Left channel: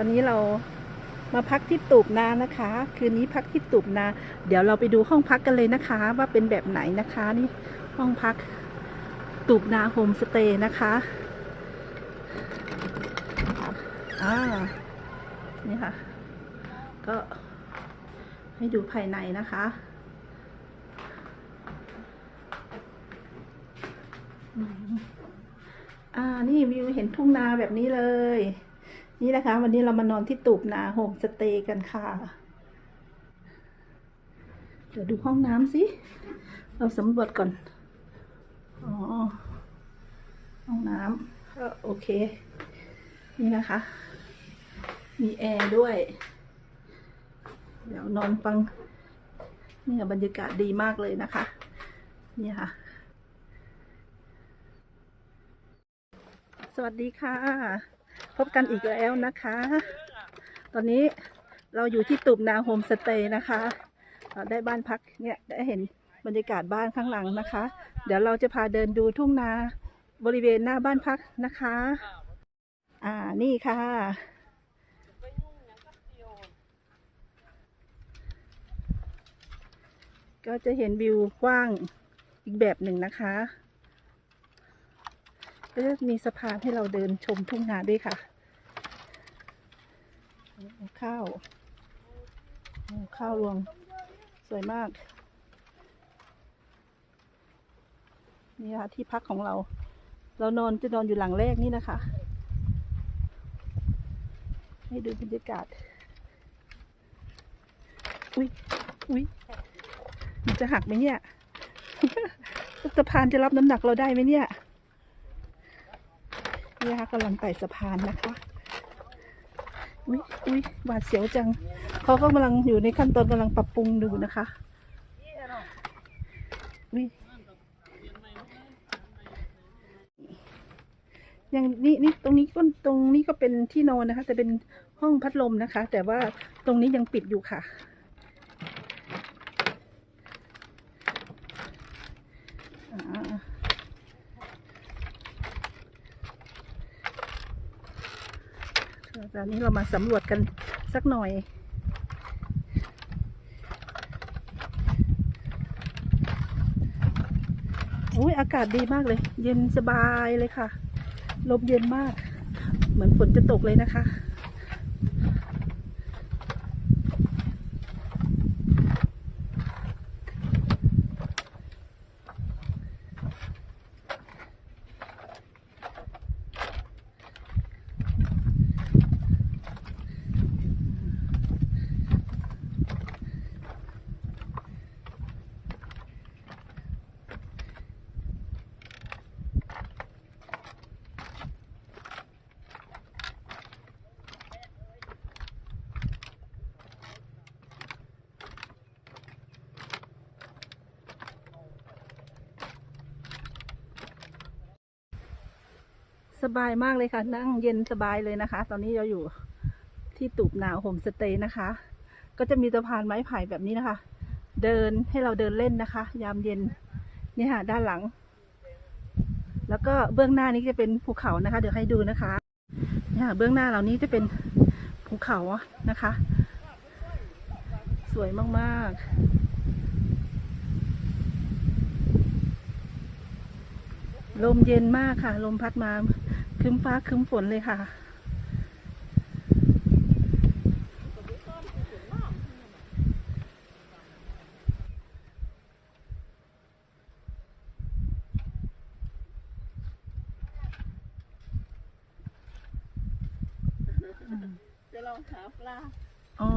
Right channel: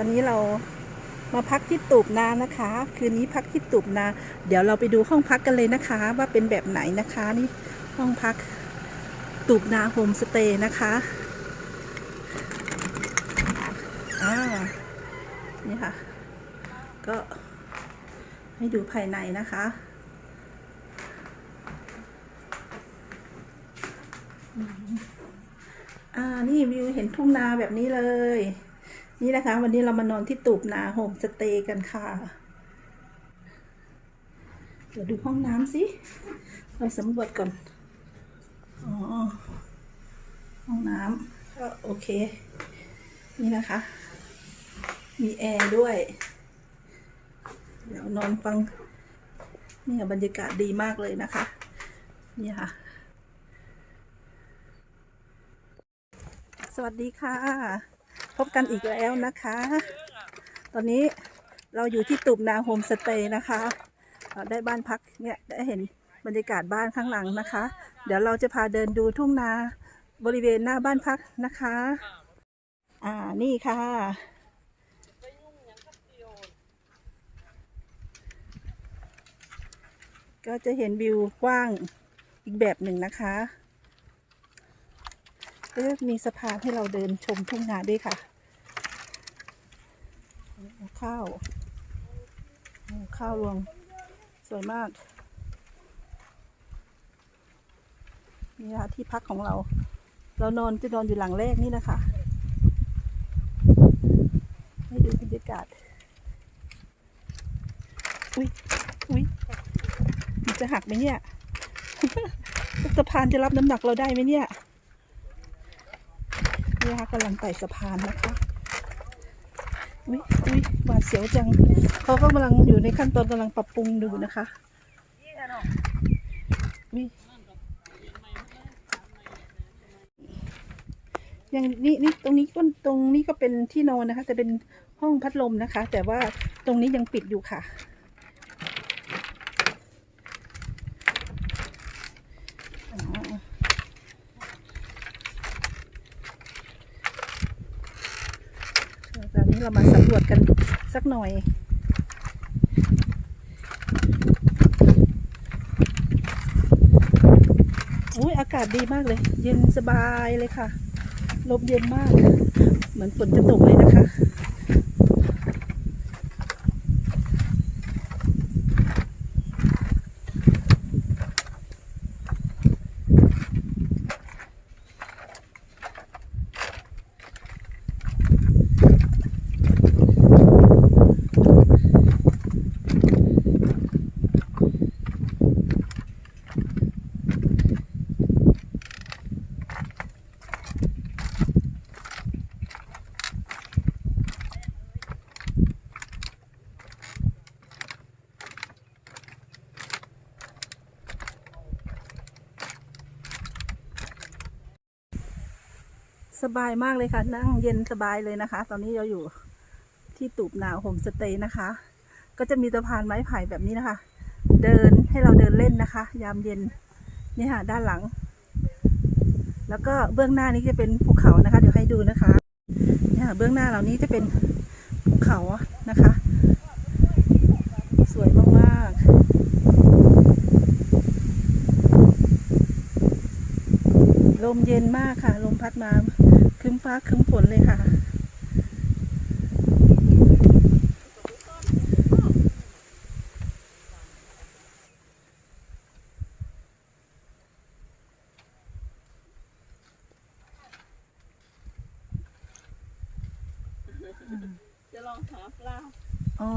อนนี้เรามาพักที่ตูบนานะคะ คืนนี้พักที่ตูบนา เดี๋ยวเราไปดูห้องพักกันเลยนะคะ ว่าเป็นแบบไหนนะคะนี่ห้องพักตูบนาโฮมสเตย์นะคะอ่านี่ค่ะ ก็ให้ดูภายในนะคะอ่า นี่วิวเห็นทุ่งนาแบบนี้เลย นี่นะคะ วันนี้เรามานอนที่ตูบนาโฮมสเตย์กันค่ะ เดี๋ยวดูห้องน้ำสิ เราสำรวจก่อน อ๋อ ห้องน้ำก็โอเค นี่นะคะ มีแอร์ด้วย เดี๋ยวนอนฟัง เนี่ยบรรยากาศดีมากเลยนะคะ นี่ค่ะ สวัสดีค่ะ พบกันอีกแล้วนะคะ ตอนนี้เราอยู่ที่ตุบนาโฮมสเตย์นะคะได้บ้านพักเนี่ยได้เห็นบรรยากาศบ้านข้างหลังนะคะ เดี๋ยวเราจะพาเดินดูทุ่งนาบริเวณหน้าบ้านพักนะคะ อ่านี่ค่ะ ก็จะเห็นวิวกว้างอีกแบบหนึ่งนะคะก็จะมีสะพานให้เราเดินชมทุ่งนาด้วยค่ะ ข้าวข้าวรวงสวยมาก นี่ค่ะที่พักของเรา เรานอนจะนอนอยู่หลังแรกนี่นะคะ ให้ดูบรรยากาศ อุ้ยอุ้ยมันจะหักไหมเนี่ยสะพานจะรับน้ำหนักเราได้ไหมเนี่ยนี่นะคะกำลังไต่สะพานนะคะ อุ้ยอุ้ยหวาดเสียวจังเขาก็กำลังอยู่ในขั้นตอนกำลังปรับปรุงดูนะคะอุ้ยอย่างนี้นี่ตรงนี้ก็ตรงนี้ก็เป็นที่นอนนะคะ แต่เป็นห้องพัดลมนะคะ แต่ว่าตรงนี้ยังปิดอยู่ค่ะ อ่า ตอนนี้ เรามาสำรวจกันสักหน่อยอุ้ยอากาศดีมากเลย เย็นสบายเลยค่ะ ลมเย็นมาก เหมือนฝนจะตกเลยนะคะ สบายมากเลยค่ะ นั่งเย็นสบายเลยนะคะ ตอนนี้เราอยู่ที่ตูบหนาวโฮมสเตย์นะคะ ก็จะมีสะพานไม้ไผ่แบบนี้นะคะ เดินให้เราเดินเล่นนะคะ ยามเย็นนี่ค่ะด้านหลัง แล้วก็เบื้องหน้านี้จะเป็นภูเขานะคะ เดี๋ยวให้ดูนะคะนี่ค่ะเบื้องหน้าเหล่านี้จะเป็นภูเขานะคะ สวยมากๆ ลมเย็นมากค่ะ ลมพัดมาครึ้มฟ้าครึ้มฝนเลยค่ะ จะลองหาปลา อ๋อ